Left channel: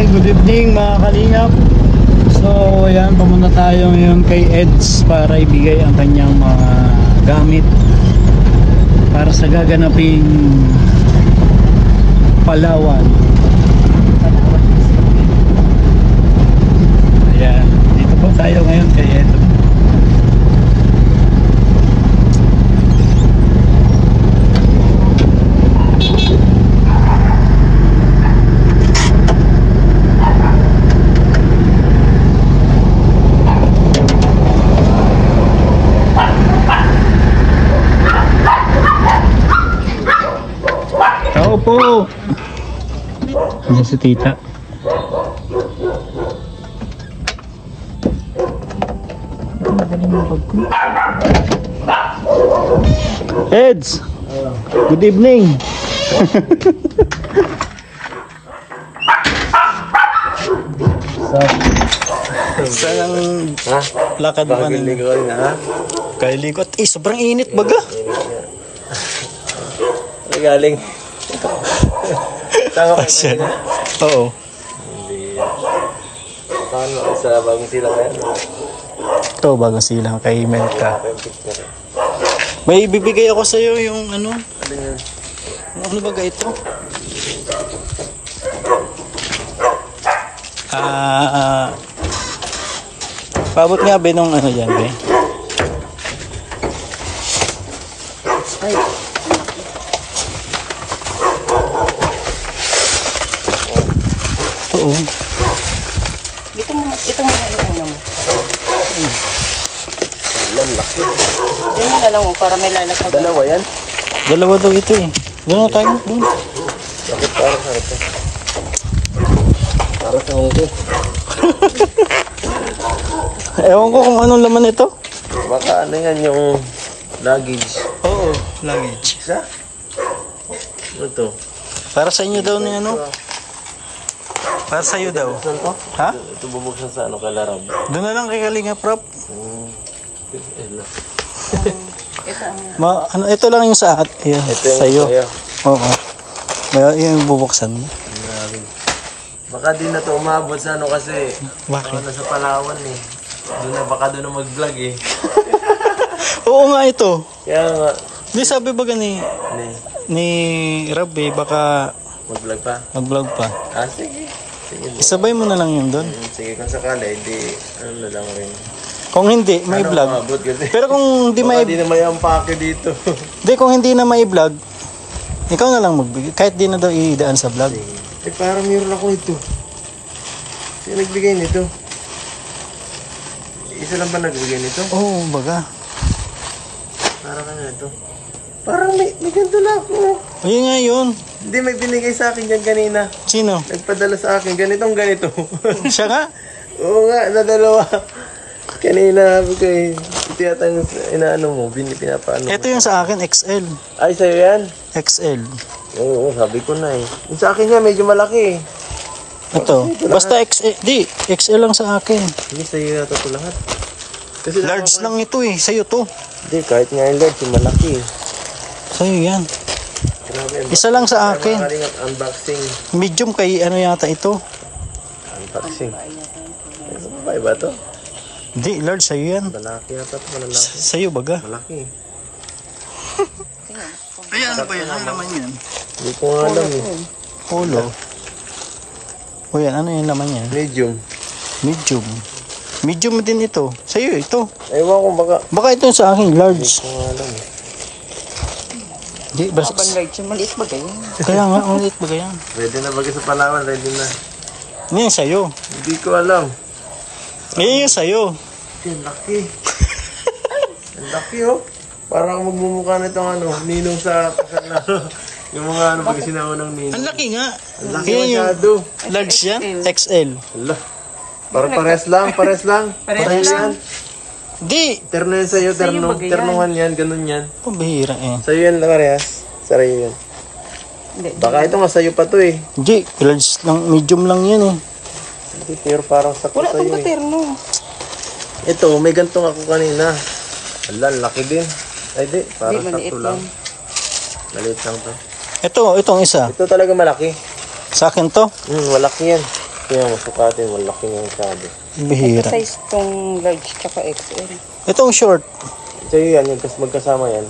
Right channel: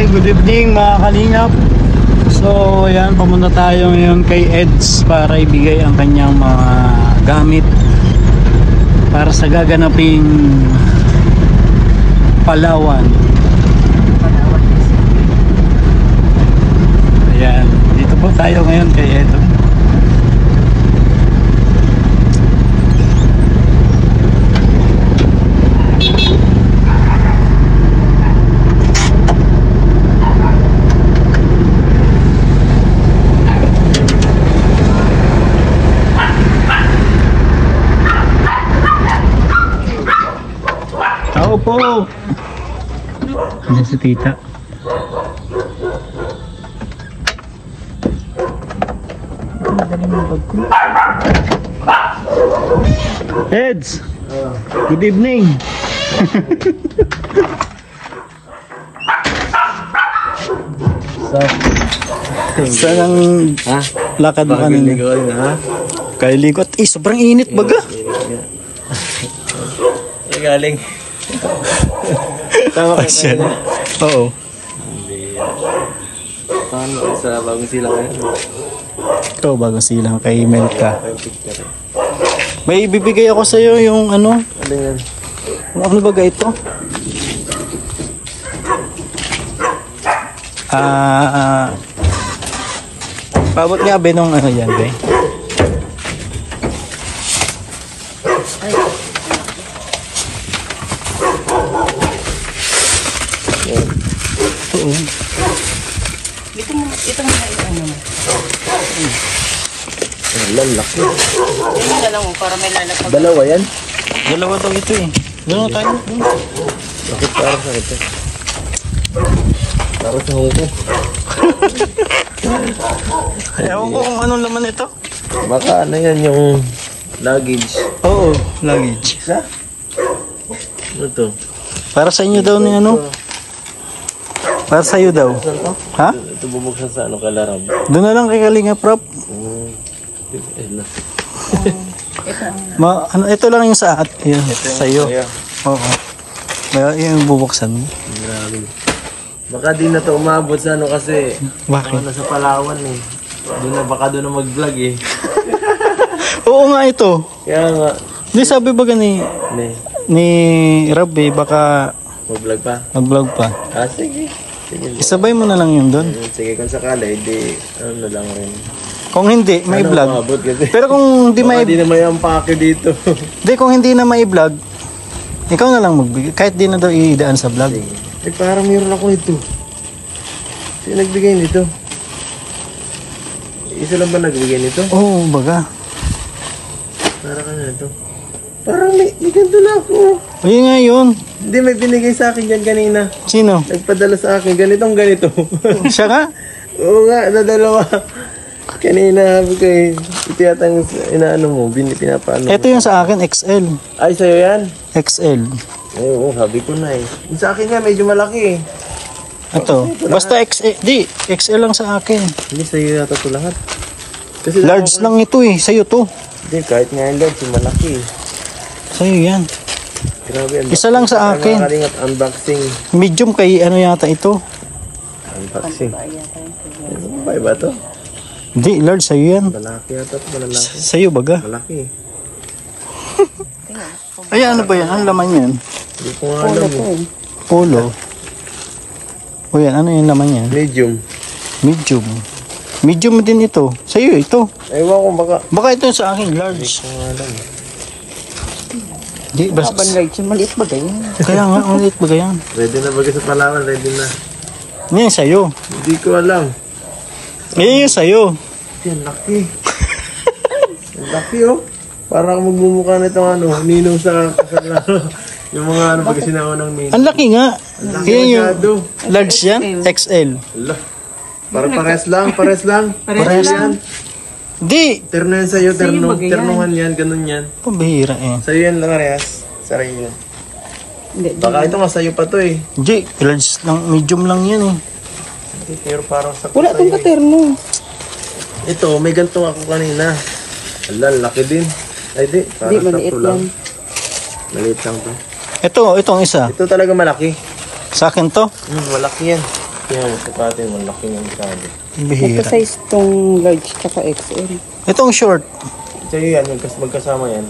Hi, good evening mga kalingap. So yan, pumunta tayo ngayon kay Eds para ibigay ang kanyang mga gamit para sa gaganaping Palawan. Ayan, dito po tayo ngayon kay Eds. Tao po. Diyan si tita. Eds, good evening. Saan ang lakad mo kanina? Kaya ligot. Sobrang init baga. Galing. Tama ka na. Oo. Hindi. Saan mo sa bagong silang kaya? Ito, bagong silang kay Melka. May ibibigay ako sa iyo yung ano? Ano yan? Ano ba ito? Paabot nga ba nung ano yan? Ay. Oo. Ito mo ano mo. Lalaki. Yun na lang mo para may lalakad. Dalawa yan? Dalawa daw ito eh. Doon na tayo. Bakit parang sa ito? Parang sa huli. Ewan ko kung anong laman ito. Baka ano yan yung luggage. Oo, luggage. Sa? Ano to? Para sa inyo daw ni ano? Para sa iyo daw. Ha? Ito bubuksan sa ano kalarab. Doon na lang kay Kalinga Prop. Ano, ito lang yung sa at yun, sa iyo. Oo. Yung bubuksan mo. Baka di na to umabot sa ano kasi bakit? Ano sa Palawan eh. Doon na baka doon na mag-vlog eh. Oo nga ito. Kaya nga. Hindi sabi ba ni Rab eh, baka mag-vlog pa? mag-vlog pa. Ah, sige. Sige. Isabay mo na lang yun doon. Sige, kung sakali, di ano na lang rin. Kung hindi, may ano, vlog. Umabot kasi. Pero kung hindi may... Hindi na may ampake dito. Hindi, kung hindi na may vlog, ikaw na lang magbigay. Kahit di na daw iidaan sa vlog. Sige. Eh, parang mayroon ako ito. Sino nagbigay nito? Isa lang ba nagbigay nito? Oo, baga. Parang ano ito? Parang may ganito na ako. Ayun nga yun. Hindi, may binigay sa akin yan kanina. Sino? Nagpadala sa akin. Ganitong ganito. Siya nga? Oo nga, na dalawa. Kanina sabi ko eh. Ito yata yung inaano mo. Pinapaano Ito yung sa akin, XL. Ay, sa'yo yan? XL. Oo, sabi ko na eh. Yung sa akin nga, medyo malaki eh. Ito. Basta XL. Di, XL lang sa akin. Hindi, sa'yo yata ito lahat. Kasi Large lang ito eh. Sa'yo to. Hindi, kahit nga yung large, yung malaki eh. Sa'yo yan. Grabe, Isa lang sa akin. Kalingap, unboxing. Medium kay ano yata ito. Unboxing. Ano ba iba to? Hindi, large sa'yo yan. Malaki yata ito, malalaki. Sa'yo baga. Malaki. Ay, ano ba yan? Ano laman yan? Hindi ko nga alam eh. Polo. O yan, ano yung laman yan? Medium. Medium. Medium din ito. Sa'yo ito. Ewan ko baka. Baka ito sa akin, large. Hindi ko nga alam eh. Di, basta. Maliit ba ganyan? Kaya nga, ulit ba yan? Ready na bagay sa Palawan, ready na. Ano yung sa'yo? Hindi ko alam. Yan yung sa'yo. Ang laki. Ang laki oh. Parang magmumukha na itong ano, ninong sa kasal. Yung mga ano, pag sinawa ng ninong. Ang laki nga. Yan yung large yan? XL. Wala. Pares lang. Parehas lang. Di. Terno yan sa'yo, ternuhan yan, ganun yan. Pambihira eh. Sa'yo yan lang, Arias. Sa'yo yan. Baka ito nga sa'yo pa to eh. Di, large lang, medium lang yan eh. Hindi, pero parang sakto Wala sa'yo pang paterno. Ito, may ganito ako kanina. Ala, laki din. Ay di, parang sakto lang. Maliit lang to. Ito, itong isa. Ito talaga malaki. Sa akin to. Malaki yan. kaya masukatin, malaki yung sabi. Bihira. Size tong large tsaka XL. Itong short. Sa'yo yan, magkasama yan.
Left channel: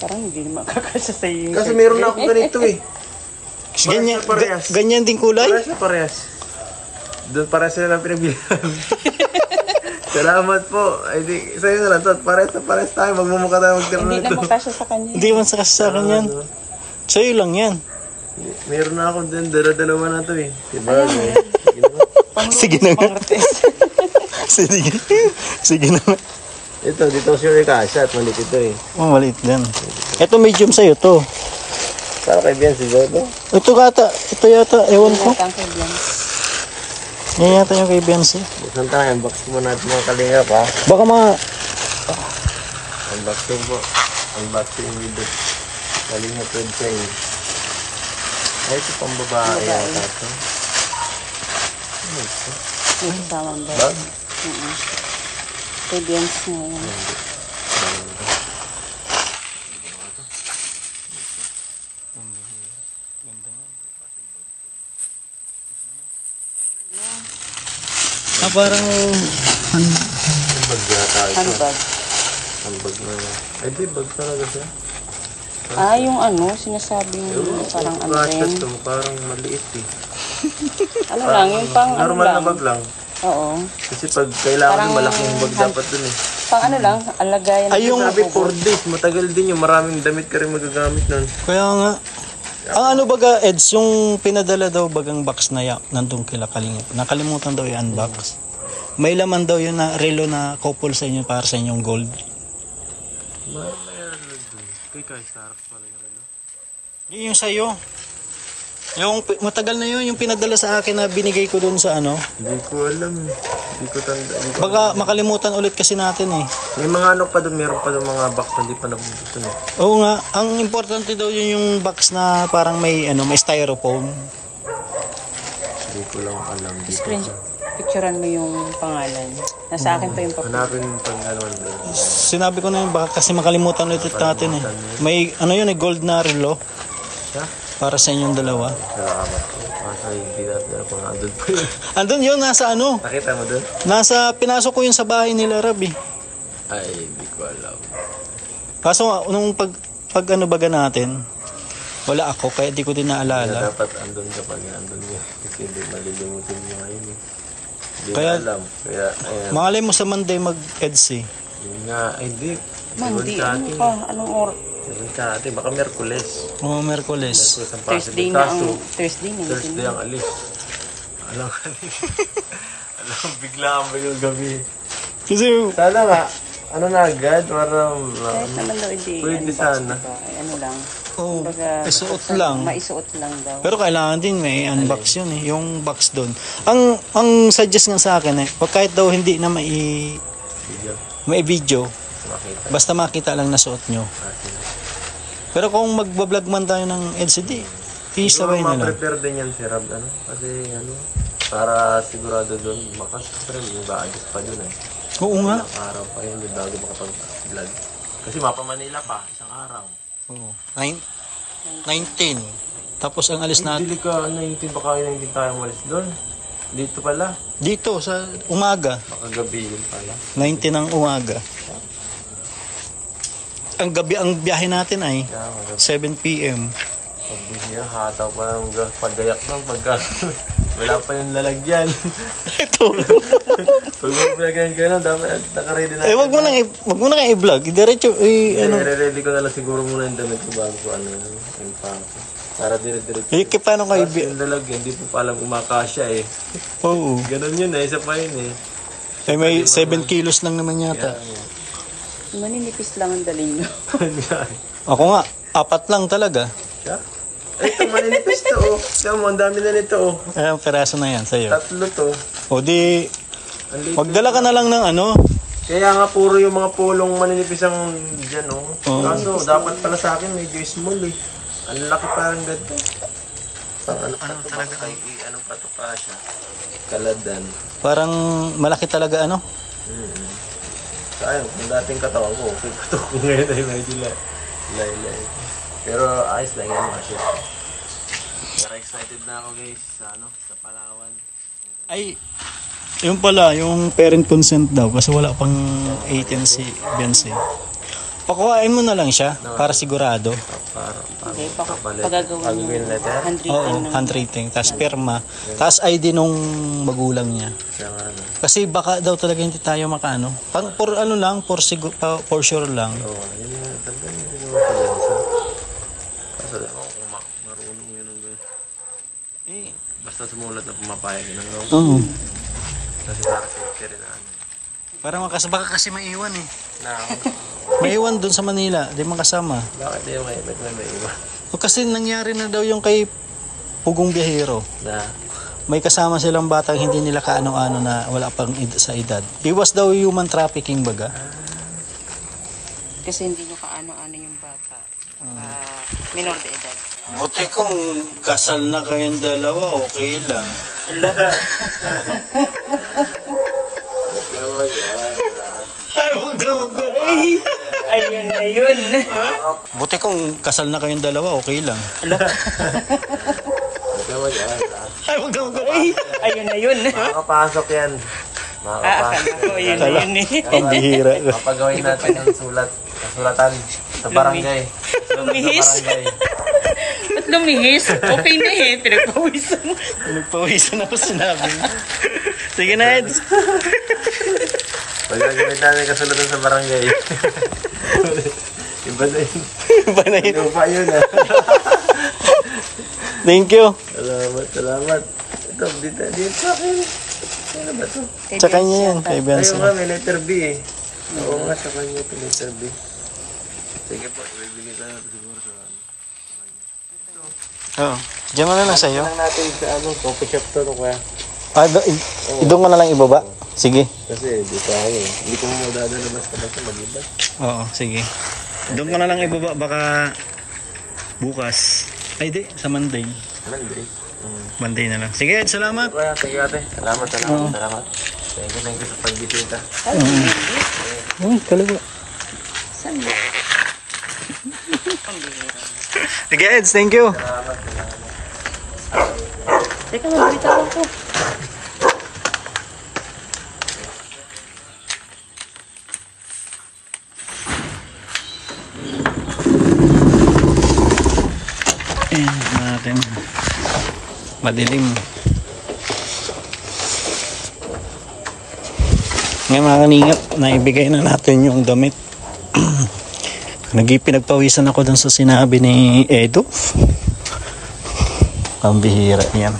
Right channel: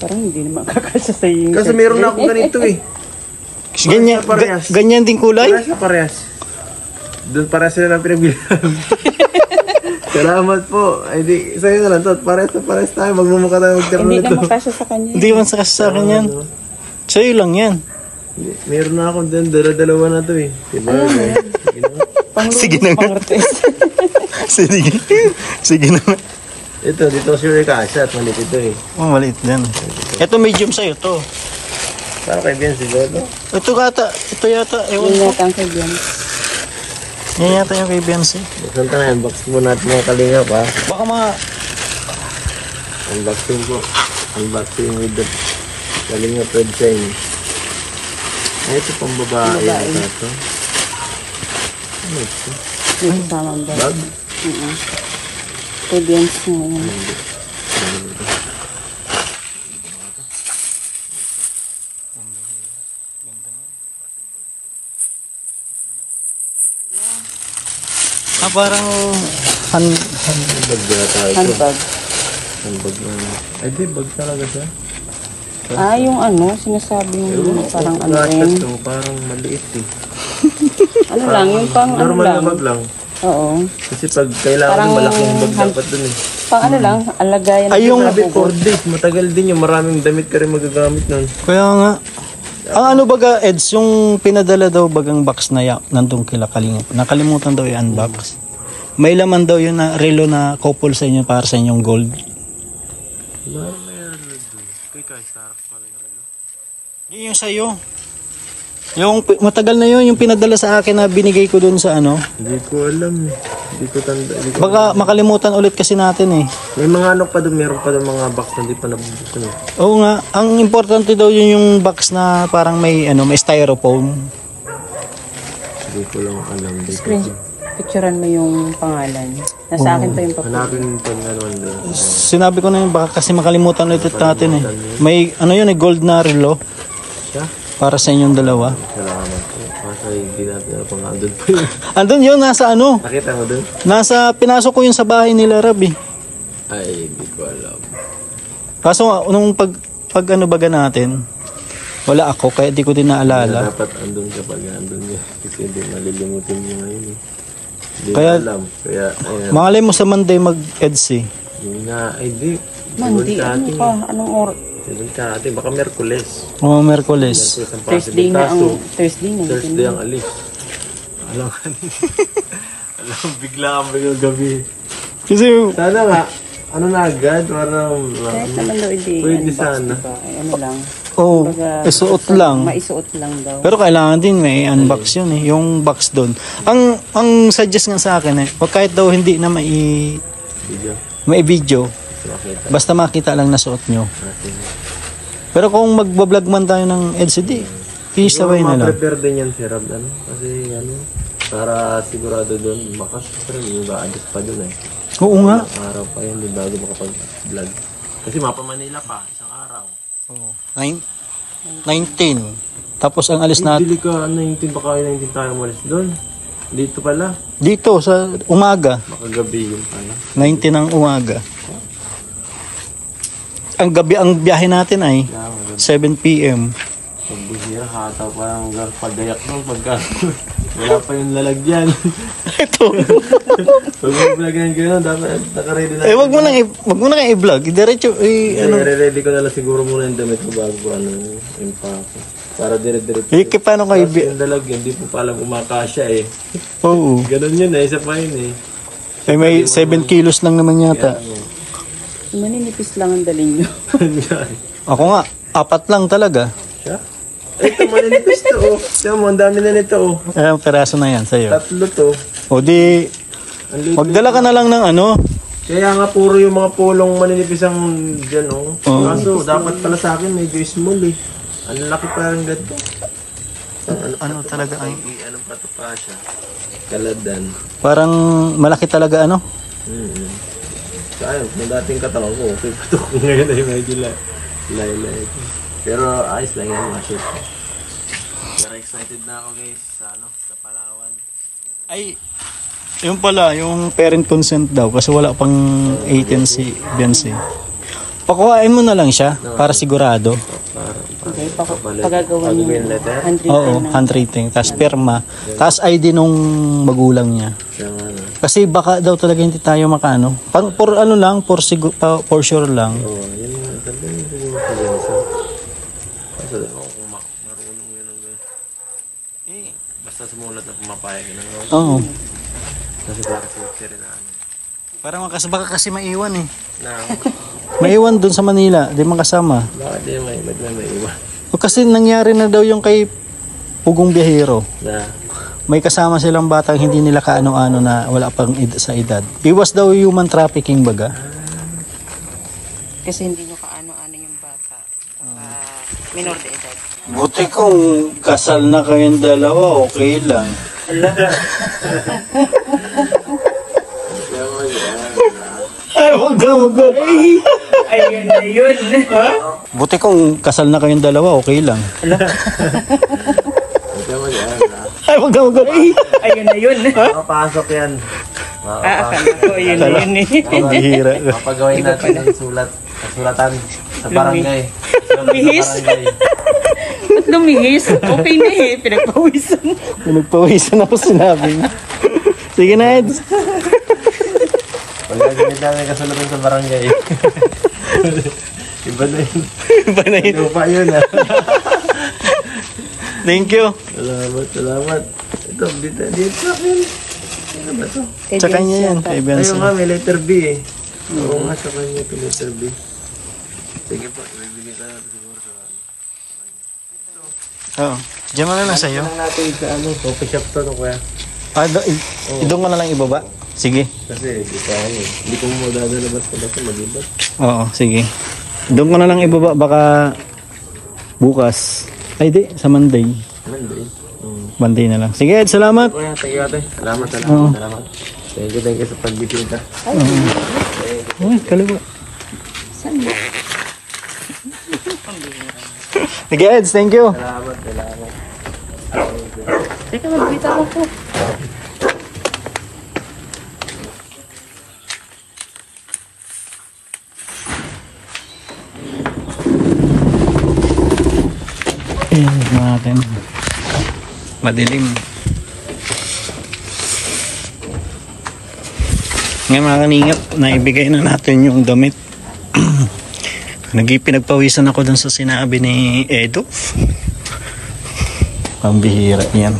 Parang hindi naman kakasya sa iyo. Kasi meron na akong ganito eh. Ganyan, Parehas. ganyan din kulay? Parehas na parehas. Doon parehas sila lang pinagbilang. Salamat po. Ay di, sa'yo na lang to. Parehas na parehas tayo. Magmumukha tayo magkaroon Hindi na ito. naman kasya sa kanya. Hindi man sa akin yan. Sa'yo lang yan. Meron na ako din. Dala-dalawa na to eh. Diba? Sige na nga. Sige. Sige na nga. Ito, dito sure yung kasha at malit ito eh. Oh, maliit din. Ito medium sa'yo to. Para kay Ben si Bebe. Ito yata, ewan ko. Hindi naman kaya. Yan yata yung kay Bensi. Buksan tayo, unbox mo natin mga kalingap ha. Baka Unboxing po. Unboxing with the kalingap red sign. Ay, ito pang babae yata ito. Ano ito? Bag? Pwede yan sa ngayon. parang Bag na tayo ito. Handbag. Handbag na. Ay di, bag talaga siya. Yung sinasabing parang ano Gastos rin. ko, parang maliit eh. Ano lang, yung pang Normal ano na lang. bag lang. Oo. Kasi pag kailangan Parang- malaking bag dapat dun eh. Pang ano lang, alagayan. Ay, yung- Sabi 4 days, matagal din yung maraming damit ka rin magagamit nun. kaya nga. Ang ano baga, Eds, yung pinadala daw bagang box na nandun kila Kalingap. Nakalimutan daw i-unbox. May laman daw yun na relo na couple sa inyo para sa inyong gold. Meron na dun. Kay Starks pala yung relo. Yun yung sa'yo. Yung matagal na yun, yung pinadala sa akin na binigay ko dun sa ano. Hindi ko alam. Hindi ko tanda. Hindi ko Baka makalimutan ulit kasi natin eh. May mga ano pa dun, meron pa dun mga box na hindi pa nabubuksan eh. Oo nga, ang importante daw yun yung box na parang may may styrofoam. Hindi ko lang alam dito. Picturean mo yung pangalan. Nasa akin pa yung Hanapin mo pag ano yun. Sinabi ko na yun, baka kasi makalimutan ulit natin eh. May ano yun gold na relo Siya? para sa inyong dalawa. Salamat po. Masa hindi natin ano pang andun pa yun. Andun yun, nasa ano? Nakita mo dun? Pinasok ko yun sa bahay nila, Rab eh. Ay, hindi ko alam. Kaso nga, nung pag ano baga natin, wala ako, kaya di ko din naalala. Dapat andun kapag andun niya. Kasi hindi malilimutin niya ngayon eh. Hindi Kaya- ko alam. Kaya, ayan. Mangalay mo sa Monday mag-eds eh. Yun nga, ay di. Ibon ka ating. anong oras? Ibon ka ating. Baka Merkules. O Merkules. Merkules ang possible. Kaso, Thursday na. Thursday ang alis. Alam ka alam, bigla ang biglang gabi. Kasi, Sana nga, ano na agad? Parang, pwede sana. Ano lang, isuot lang. maisuot lang daw. Pero kailangan din may unbox yun eh, yung box doon. Ang suggest nga sa akin eh, wag kahit daw hindi na Video. may video, Makita basta makita lang na suot nyo. natin. Pero kung magbablog man tayo ng LCD, isabay na lang. Ma-prepare din yan si Rab, ano? Kasi, ano, para sigurado doon, makas, pero yung ba-adjust pa doon eh. Oo nga. Ilang araw pa yun, yung bago makapag-vlog. Kasi mapa Manila pa, isang araw. Oo. 19. Tapos ang alis natin Bili ka, 19 baka yung 19 tayo malis doon. Dito pala, dito sa umaga, baka gabi yun pala. 19 ng umaga. Ang gabi ang biyahe natin ay Kaya magabi. 7 PM. Pagbihira, hataw pa lang paggayak doon, pagka wala pa yung lalagyan. Ito. Pag mag-vlog gano'n, dapat nakaready na. Wag mo na kang i-vlog. Diretso Ready ko na lang siguro muna yung damit ko bago ko yung pako. Para dire-diretso. paano kayo Kasi yung lalagyan, hindi po palang umakasya eh. Oo. Ganon yun eh, isa pa yun eh. May 7 kilos lang naman yata. Maninipis lang ang daling nyo. Ako nga, 4 lang talaga. Siya? Ito, maninipis to oh. Siya mo, ang dami na nito oh. Ang peraso na yan sa'yo. 3 to. O di, Ang liit. magdala ka na lang ng ano. Kaya nga puro yung mga pulong maninipis ang dyan oh. Oo. Kaso dapat pala sa akin medyo small eh. Ang laki parang ganito. Ano talaga ay? Anong pato pa siya? Kaladan. Parang malaki talaga ano. Sayang, kung dating katawan ko, okay pa ito. Ngayon ay medyo layo. Pero ayos lang yan mga shoot. Pero Excited na ako guys sa sa Palawan. Ay, yung pala, yung parent consent daw kasi wala pang 18 si Beyonce. Pakuhain mo na lang siya para sigurado. Para gagawin letter? Oo, handwriting, tapos perma, tapos ID nung magulang niya. Kasi baka daw talaga hindi tayo makano. For ano lang, for sure lang. Oo, yun nga. Talaga yung siguro sa Beyonce. Kasi kung marunong yun ang gawin. Basta sumulat na pumapayag yun ang gawin. Oo. Kasi para safety rin na ano. Parang baka kasi maiwan eh. Na, Maiwan dun sa Manila, di makasama. bakit di may iwan? O kasi nangyari na daw yung kay Pugong Biyahero. Na, May kasama silang batang hindi nila kaano-ano na wala pang sa edad. Iwas daw human trafficking baga. Kasi hindi niya kaano-ano yung bata. Buti kung kasal na kayong dalawa, okay lang. Ay, huwag ka Ayan na yun. Buti kung kasal na kayong dalawa, okay lang. huwag ka mag-aala. Ay, huwag ka Ayan na yun. Makapasok yan. Makapasok yan. Ang hira. Papagawin natin yung kasulatan sa barangay. Bihis. Sa barangay. Ba't lumihis? Okay na eh. Pinagpawisan. Pinagpawisan ako sinabi niya. Sige na, Eds. Pagkagawin natin kasulatan sa barangay. Iba na yun. Iba na yun. Iba yun ah. Thank you. Salamat. Ito, dito sa akin. Ano ba ito? Sa kanya yan, kay Benson. Ayun nga, may letter B eh. Oo nga, sa kanya ito letter B. Sige po, ibigay ka na siguro sa akin. Oo. Diyan mo na lang sa'yo. Lang natin sa coffee shop to, no kuya? Doon ko na lang ibaba. Sige. Kasi di pa ako eh. Hindi ko mo magdadalabas ka basta mag-ibat. Oo, sige. Doon ko na lang ibaba. Baka bukas. Ay, di. Sa Monday. Monday. Monday na lang. Sige, Ed. Salamat. Kuya, thank you ate. Salamat. Thank you sa pagbisita. Sige, Ed. Thank you. Salamat. Teka, magbita ko po. Natin. Madilim. Ngayon mga kaningap, naibigay na natin yung damit. Pinagpawisan ako dun sa sinabi ni Edo. Pambihira yan.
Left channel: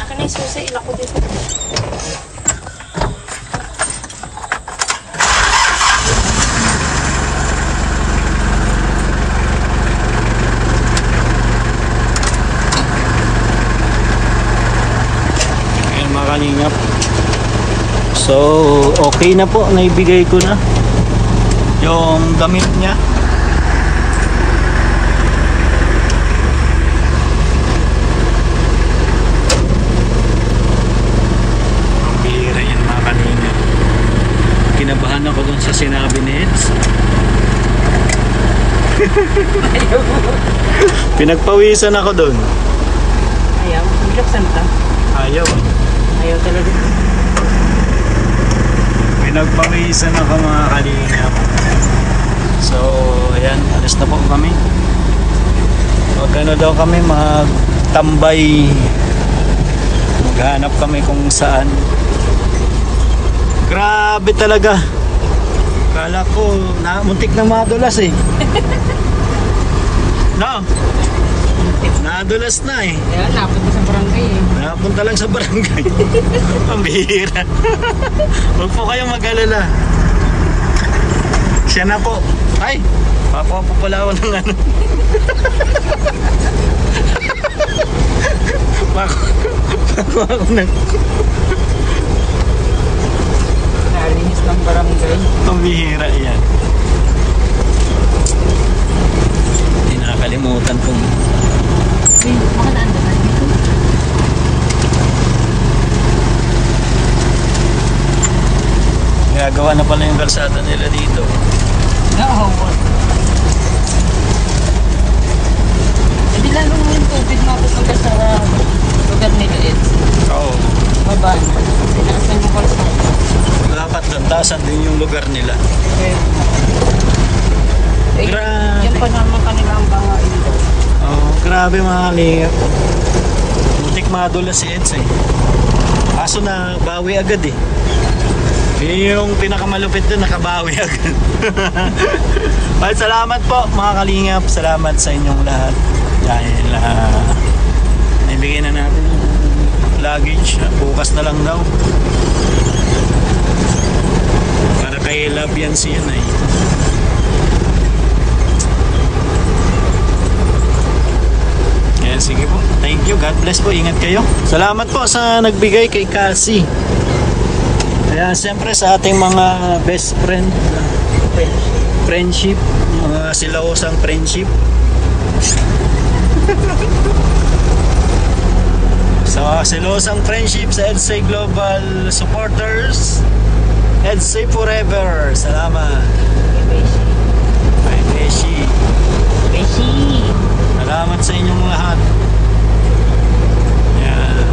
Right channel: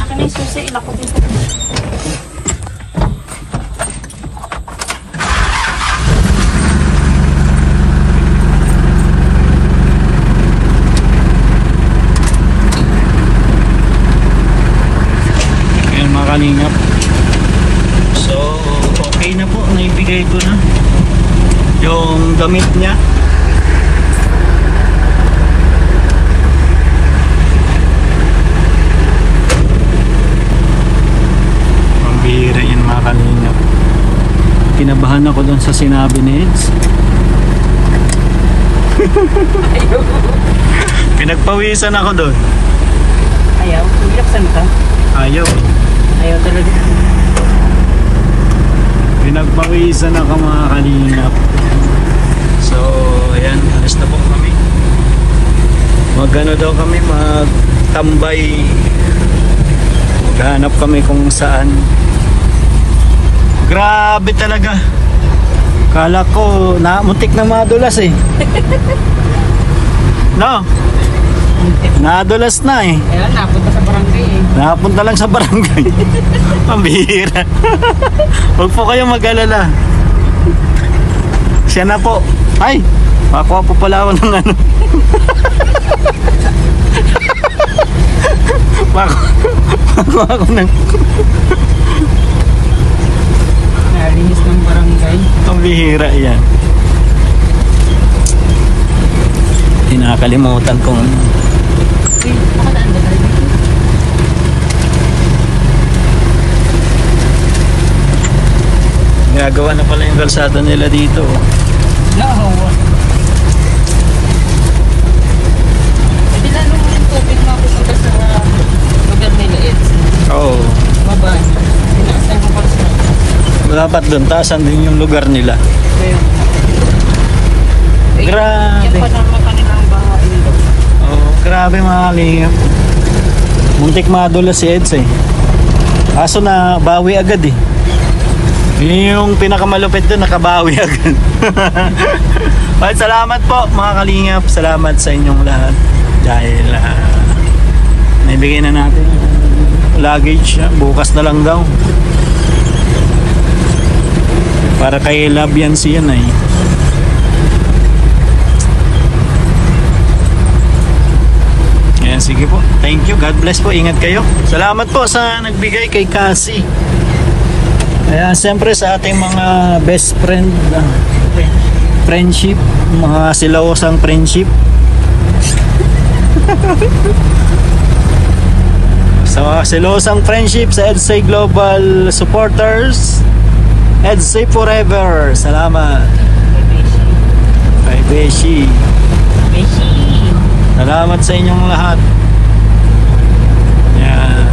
Akin ang susi, ilako dito. Mga kalingap, so okay na po, naibigay ko na yung damit niya. Ang bihira yan mga kalingap. Kinabahan ako dun sa sinabi ni Eds. Pinagpawisan ako dun. Ayaw, bilaksan ka. Ayaw eh. Ayaw talaga. Pinagpawisan ako mga kalingap. So ayan, alis na po kami. Magano daw kami, magtambay. Maghanap kami kung saan. Grabe talaga. Kala ko muntik na madulas eh. No? Nadulas na eh. Kaya napunta sa barangay eh. Napunta lang sa barangay. Pambihira. Huwag po kayong mag-alala. Siya na po. Ay! Makuha po pala ako ng ano. Makuha ako ng... Nalinis ng barangay. Pambihira yan. Hindi nakakalimutan kong... Gagawa na pala yung kalsada nila dito. Nahawa. Hindi lang naman yung tubig mapupunta sa lugar nila Eds. Oo. Babaan. Tinasan yung basta. Dapat doon, taasan din yung lugar nila. Grabe. Yan pa naman kanilang banga nila. Oh, grabe mga kalingap. Muntik madulas si Eds eh. Aso na bawi agad eh. Yung pinakamalupit doon, nakabawi agad. Well, salamat po mga kalingap. Salamat sa inyong lahat. Dahil naibigay na natin luggage. Bukas na lang daw. Para kay Love yan siya na eh. Yan, sige po. Thank you. God bless po. Ingat kayo. Salamat po sa nagbigay kay Cassie. Ayan, siyempre sa ating mga best friend, friendship, mga silawosang friendship. So, silawosang friendship sa EDSA Global supporters. EDSA Forever. Salamat. Kay Beshi. Beshi. Salamat sa inyong lahat. Yan.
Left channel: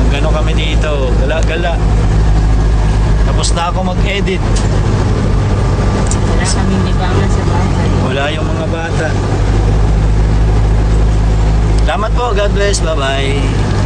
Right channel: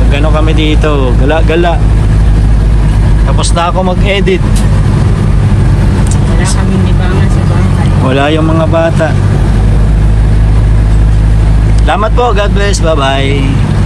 Magano kami dito. Gala-gala. Tapos na ako mag-edit. Wala kami libangan sa bahay. Wala yung mga bata. Salamat po. God bless. Bye-bye.